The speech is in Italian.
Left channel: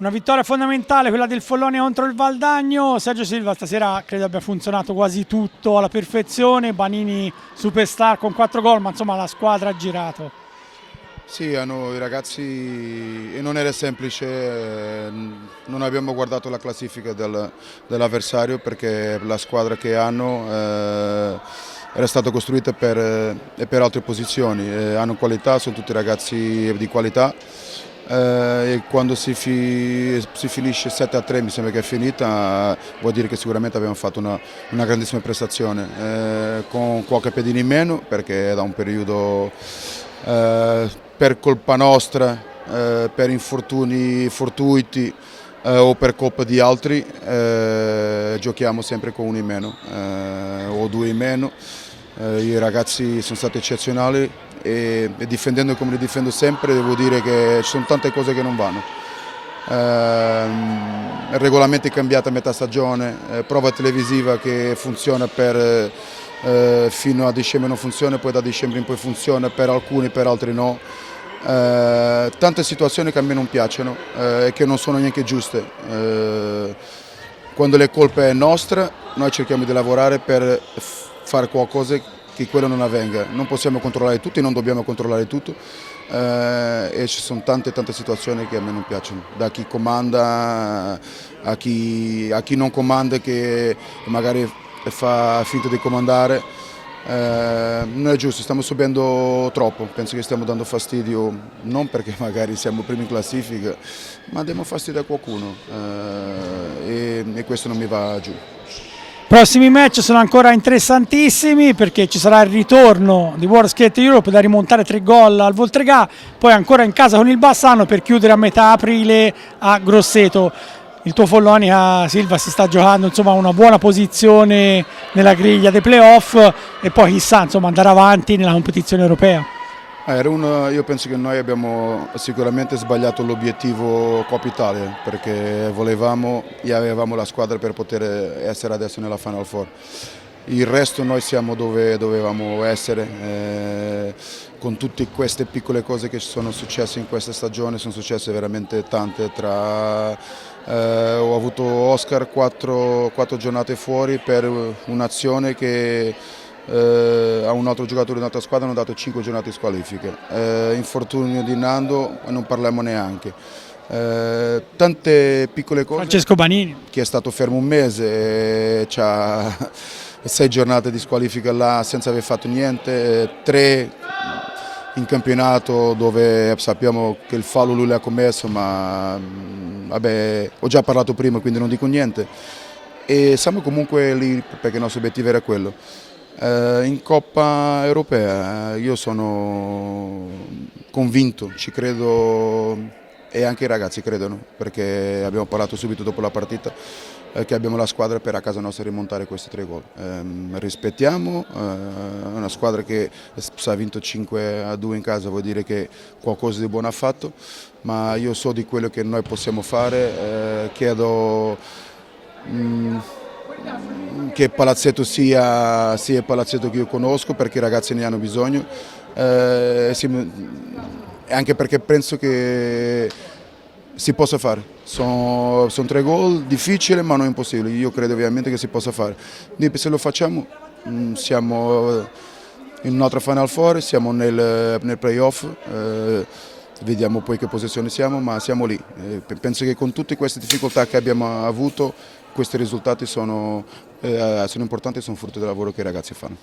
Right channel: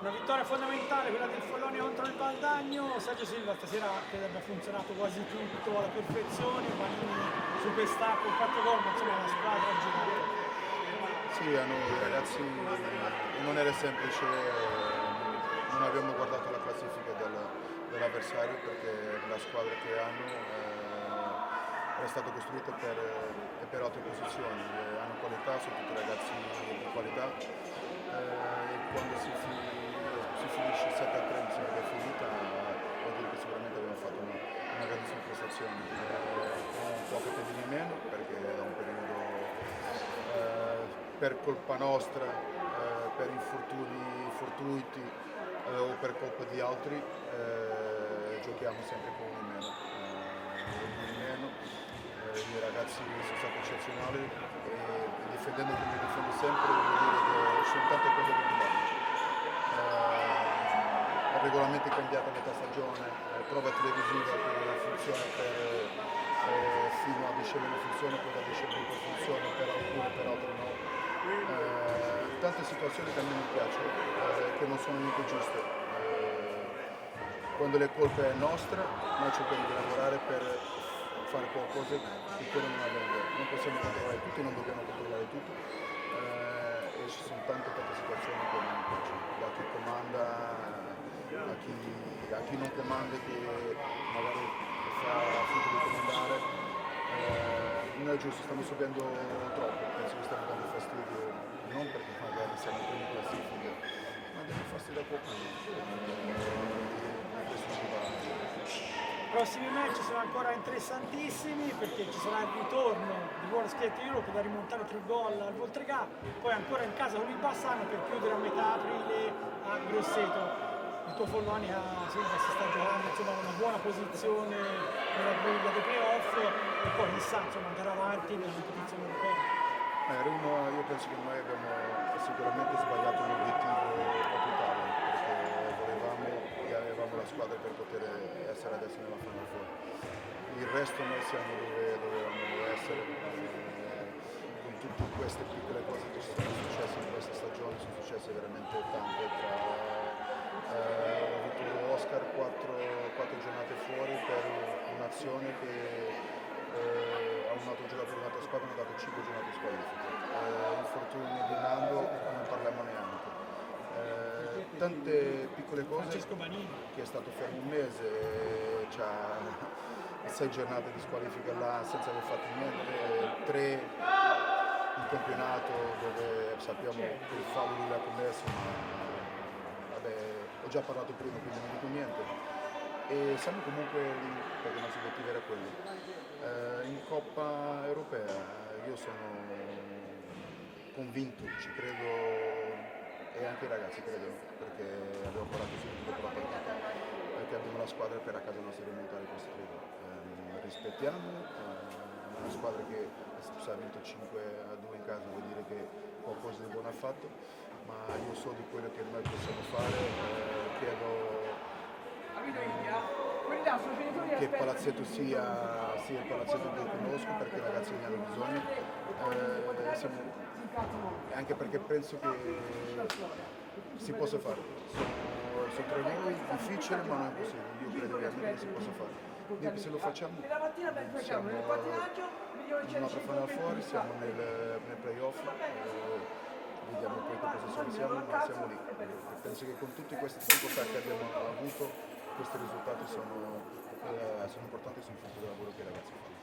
Una vittoria fondamentale, quella del Follonia contro il Valdagno. Sergio Silva stasera credo abbia funzionato quasi tutto alla perfezione, Banini superstar con 4 gol, ma insomma la squadra ha girato. Sì, i ragazzi, e non era semplice, non abbiamo guardato la classifica dell'avversario perché la squadra che hanno era stata costruita per altre posizioni, hanno qualità, sono tutti ragazzi di qualità. E quando si finisce 7-3, mi sembra che è finita, vuol dire che sicuramente abbiamo fatto una grandissima prestazione, con qualche pedina in meno perché è da un periodo per colpa nostra, per infortuni fortuiti o per colpa di altri, giochiamo sempre con uno in meno o due in meno. I ragazzi sono stati eccezionali e difendendo come li difendo sempre devo dire che ci sono tante cose che non vanno. Il regolamento è cambiato a metà stagione, prova televisiva che funziona fino a dicembre non funziona, poi da dicembre in poi funziona per alcuni, per altri no. Tante situazioni che a me non piacciono e che non sono neanche giuste. Quando le colpe è nostra, noi cerchiamo di lavorare per fare qualcosa che quello non avvenga. Non possiamo controllare tutto, non dobbiamo controllare tutto e ci sono tante situazioni che a me non piacciono, da chi comanda a chi non comanda che magari fa finta di comandare. Non è giusto, stiamo subendo troppo, penso che stiamo dando fastidio non perché magari siamo primi in classifica, ma diamo fastidio a qualcuno e questo non mi va giù. Prossimi match sono ancora interessantissimi perché ci sarà il ritorno di World Skate Europe da rimontare 3 gol al Voltregà, poi ancora in casa con il Bassano per chiudere a metà aprile a Grosseto. Il tuo Follonia, Silva, si sta giocando insomma una buona posizione nella griglia dei playoff e poi chissà insomma andare avanti nella competizione europea. Io penso che noi abbiamo sicuramente sbagliato l'obiettivo Coppa Italia perché volevamo e avevamo la squadra per poter essere adesso nella Final Four. Il resto noi siamo dove dovevamo essere, con tutte queste piccole cose che ci sono successe in questa stagione, sono successe veramente tante. Ho avuto Oscar 4 giornate fuori per un'azione che a un altro giocatore di un'altra squadra hanno dato 5 giornate di squalifica. Infortunio di Nando non parliamo neanche. Tante piccole cose. Francesco Banini, che è stato fermo un mese, c'ha 6 giornate di squalifica là senza aver fatto niente, 3 in campionato dove sappiamo che il fallo lui l'ha commesso, ma vabbè, ho già parlato prima quindi non dico niente. E siamo comunque lì perché il nostro obiettivo era quello. In Coppa Europea io sono convinto, ci credo e anche i ragazzi credono perché abbiamo parlato subito dopo la partita che abbiamo la squadra per a casa nostra rimontare questi 3 gol. Rispettiamo, è una squadra che se ha vinto 5-2 in casa vuol dire che qualcosa di buono ha fatto, ma io so di quello che noi possiamo fare, chiedo che il palazzetto sia il palazzetto che io conosco perché i ragazzi ne hanno bisogno, anche perché penso che si possa fare. Sono 3 gol, difficile ma non impossibile, io credo ovviamente che si possa fare. Se lo facciamo siamo in un'altra Final Four, siamo nel playoff, vediamo poi che posizione siamo, ma siamo lì. Penso che con tutte queste difficoltà che abbiamo avuto questi risultati sono importanti e sono frutto del lavoro che i ragazzi fanno.